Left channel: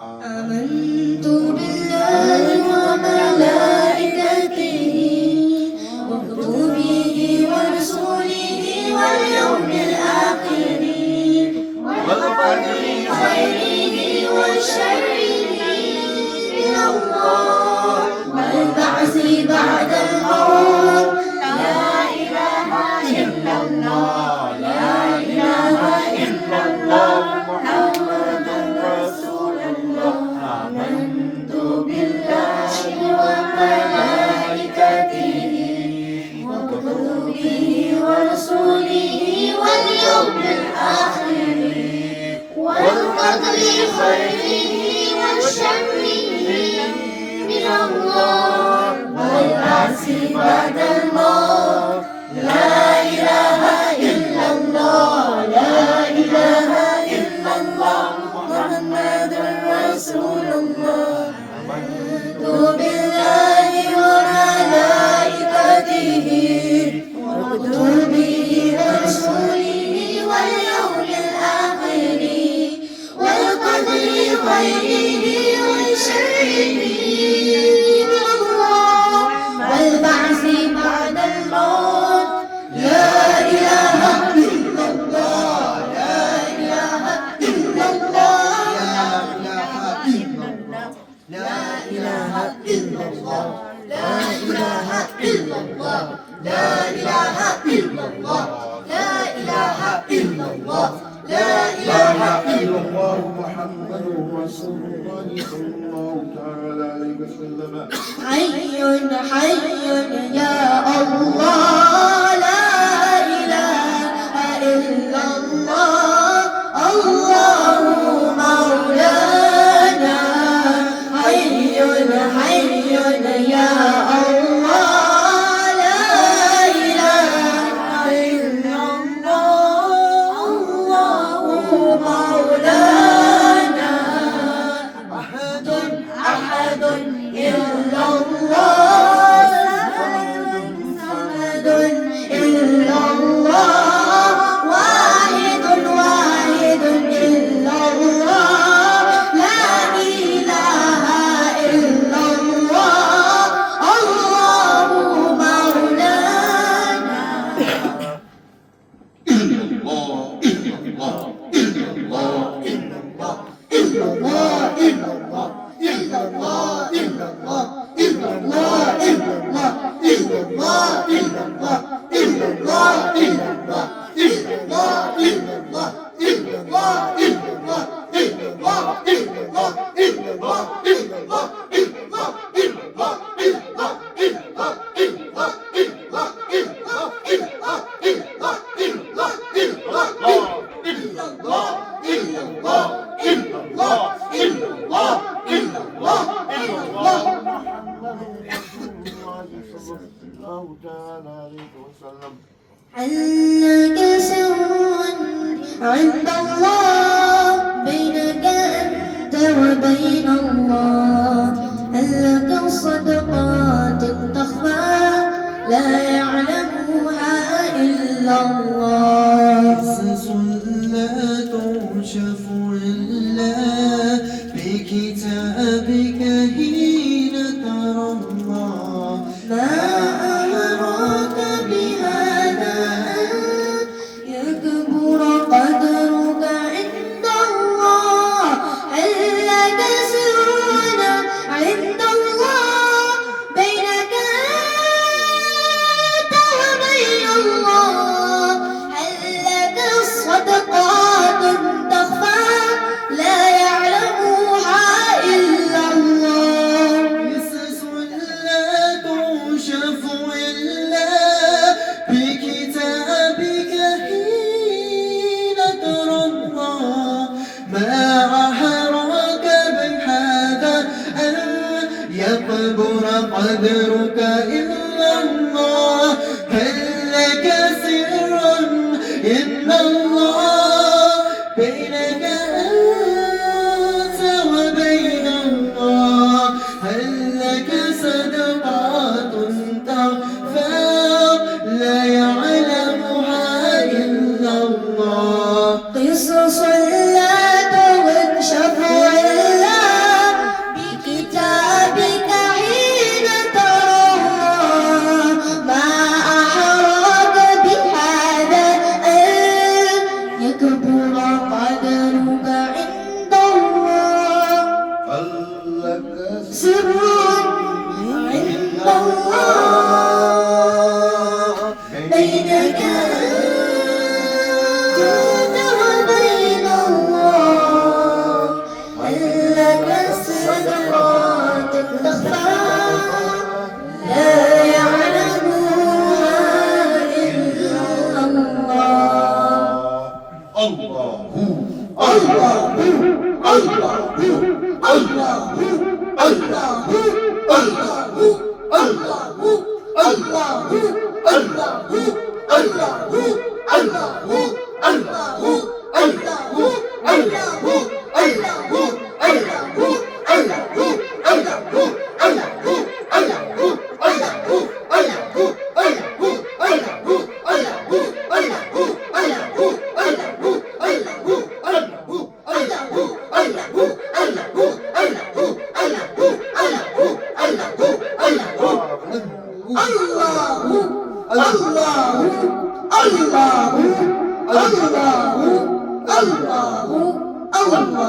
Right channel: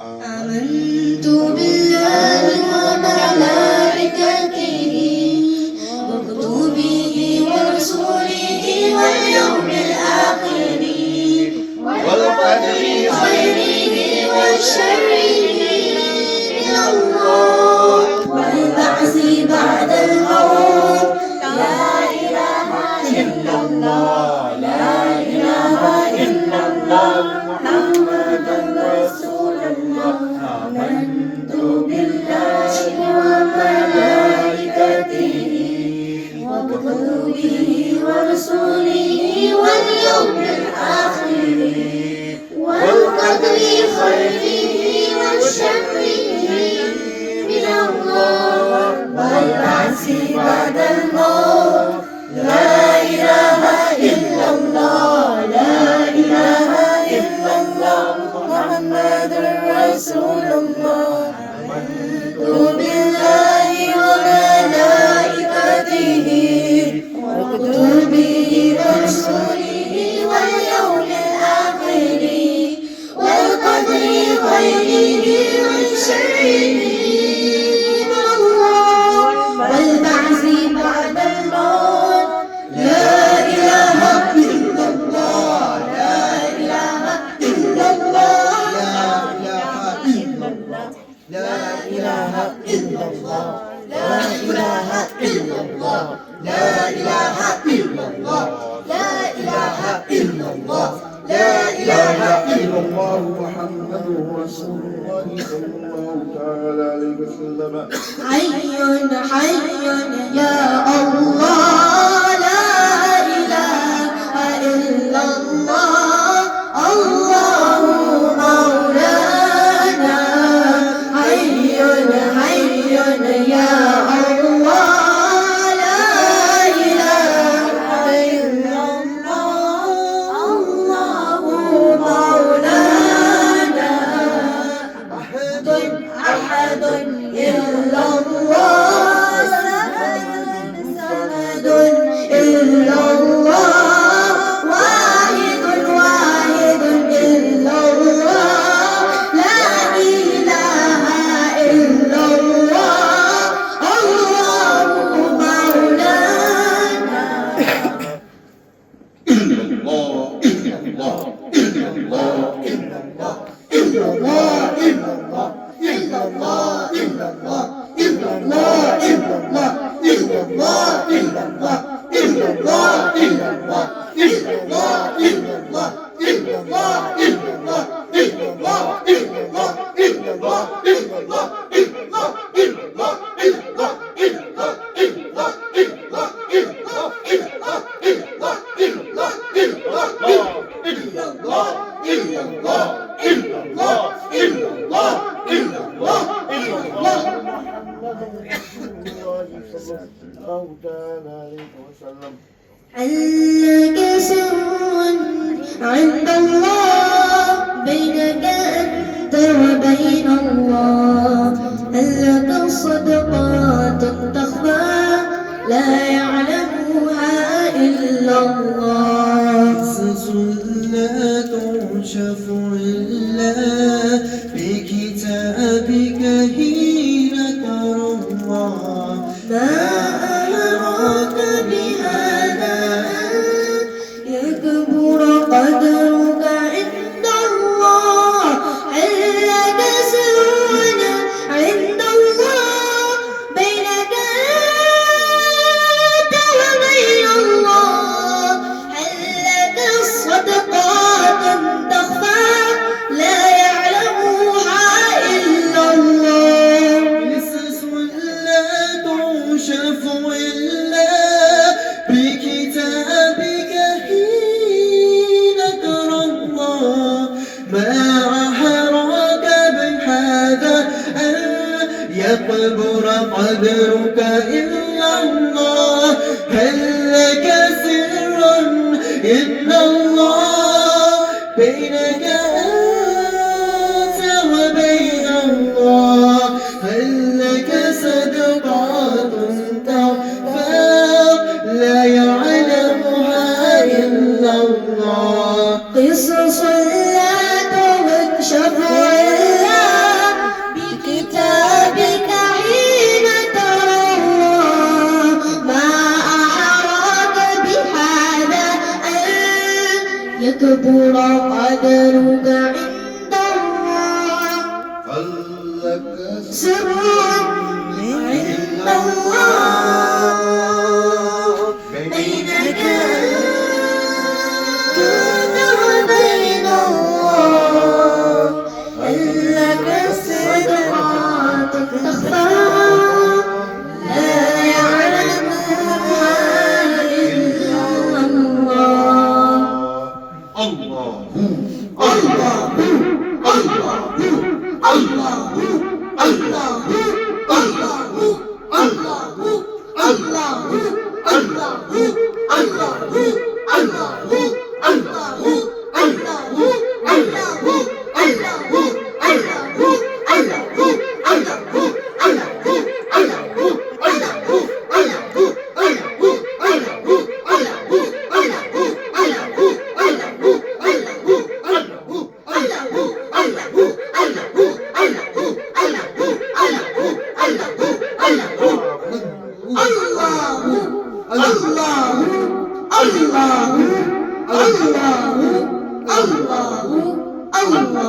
آمنت بالله وملائكته وكتبه ورسله واليوم الآخر والقدر خيره وشره من الله والبعث بعد الموت لا إله إلا الله لا إله إلا الله محمد رسول الله آمنت بالله وملائكته وكتبه ورسله واليوم الآخر والقدر خيره وشره من الله والبعث بعد الموت لا إله إلا الله لا إله إلا الله محمد رسول الله آمنت بالله وملائكته وكتبه ورسله واليوم الآخر والقدر خيره وشره من الله والبعث بعد الموت لا إله إلا الله لا إله إلا الله لا إله إلا الله لا إله إلا الله لا إله إلا الله لا إله إلا الله لا إله إلا الله محمد رسول الله صلى الله تعالى عليه وسلم حي حي يا الله لا إله إلا الله الله مولانا حي حي يا الله لا إله إلا الله الله مولانا أحد أحد إلا الله صمد إلا الله واحد واحد إلا الله لا إله إلا الله الله مولانا الله تعالى عليه وسلم هل لك سر عند الله بينك أنت وبين الله هل لك صدقات تخفى لا يعلمها إلا الله قصص لا تنشف إلا بكتابك حين ترى الله ما أمرك بهذا أن يكبر قدرك عند الله هل لك سر عند الله بينك أنت وبين الله هل لك صدقات تخفى لا يعلمها إلا الله قصص لا تنشف إلا بكتابك حين ترى الله ما أحرك من هذا أن يكبر قدرك إلا الله هل لك سرا إن الله بينك أنت وبين الله هل لك صدقات تخفى لا يعلمها إلا الله قصص لا تكشف سر عند الله بينك أنت وبين الله هل لك سر تخفى لا يعلمها إلا الله Allah